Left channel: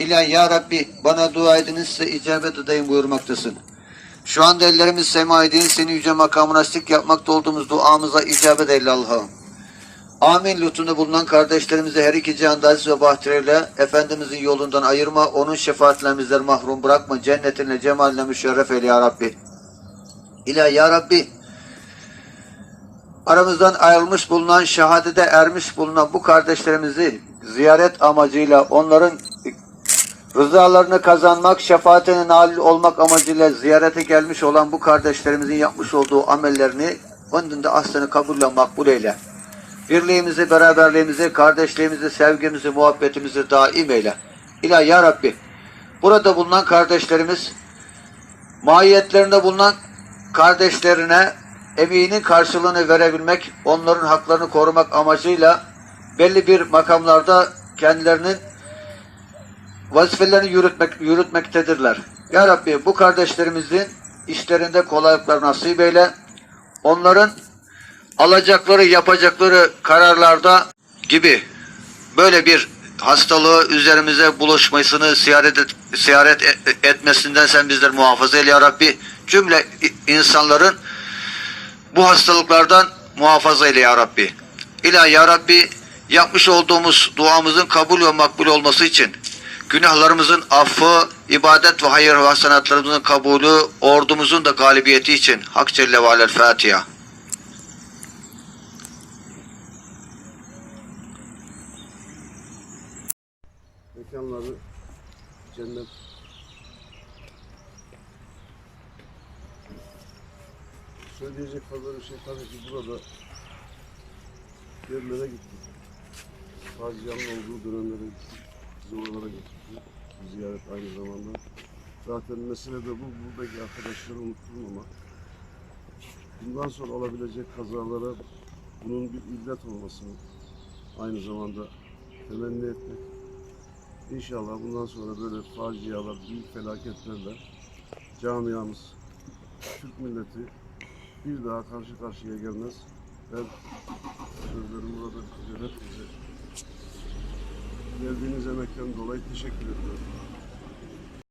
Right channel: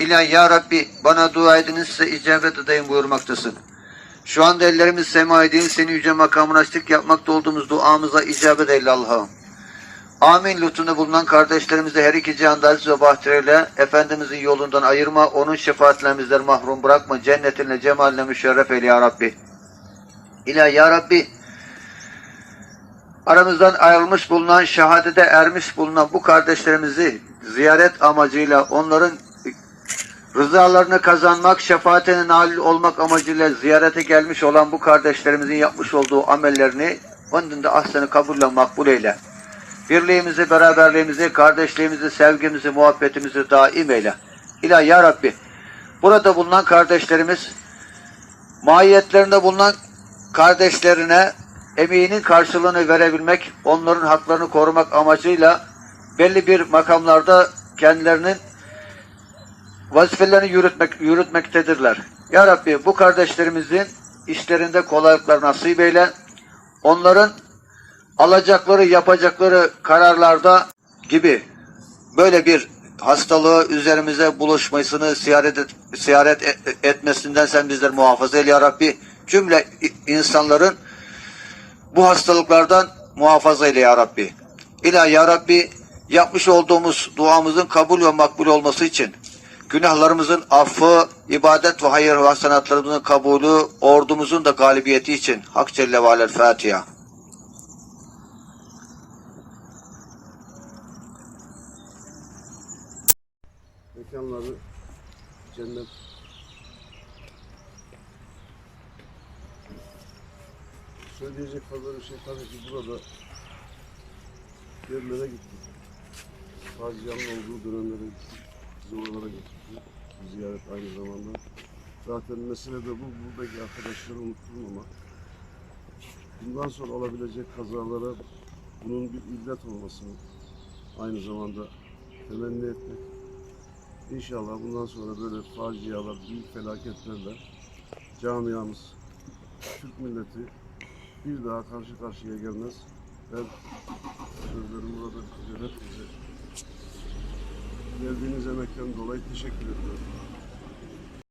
İlahi ya Rabbi bana dua ediniz size icabet edeyim buyurmaktasın. Şu anda ellerimiz semaya değil seni yüce makamına açtık yapmakta olduğumuz duamıza icabet eyle Allah'ım. Amin lütfunda bulunan kardeşlerimizi her iki cihanda aziz ve bahtiyarıyla Efendimizin yolundan ayırma, onun şefaatle bizleri mahrum bırakma, cennetinle, cemaline müşerref eyle ya Rabbi. İlahi ya Rabbi, aramızdan ayrılmış bulunan, şehadete ermiş bulunan bu kardeşlerimizi ziyaret amacıyla onların rızalarını kazanmak, şefaatine nail olmak amacıyla ziyarete gelmiş olan bu kardeşlerimizin yapmış olduğu amellerini önünde aslını kabulle makbul eyle. Birliğimizi, beraberliğimizi, kardeşliğimizi, sevgimizi, muhabbetimizi daim eyle. İlahi ya Rabbi, burada bulunan kardeşlerimiz, mahiyetlerinde bulunan kardeşlerine emeğinin karşılığını verebilmek, onların haklarını korumak amacıyla belli bir makamlarda kendilerinin vazifelerini yürütmek, yürütmektedirler. Ya Rabbi bu kardeşlerimizin işlerinde kolaylıklar nasip eyle. Onların alacakları, yapacakları kararlarda gibi böyle bir hastalığı üzerimize buluşmasını ziyaret, et, ziyaret e- etmesinden sen bizleri muhafaza eyle ya Rabbi. Cümle insanların bu hastalıklardan muhafaza eyle ya Rabbi. İlahi ya Rabbi yapmış olduğumuz duamızın kabul ve makbul olması için günahlarımızın affı, ibadet ve hayır ve hasenatlarımızın kabulü, ordumuzun da galibiyeti için Hak Celle ve Alel Fatiha. mekanları cennet söyleyecek fazla bir şey tabii ki burada yerlere gittik. Facianın olduğu dönemlere gittik. Ziyaret aynı zamanda. Zaten mesele de bu. Buradaki arkadaşları unutturmamak. Bundan sonra olabilecek kazalara bunun bir illet olmasını aynı zamanda temenni etmek. İnşallah bundan sonra böyle facialar, büyük felaketlerle camiamız, Türk milleti bir daha karşı karşıya gelmez. Ben sözlerimi burada. Hepinize geldiğiniz emekten dolayı teşekkür ediyorum.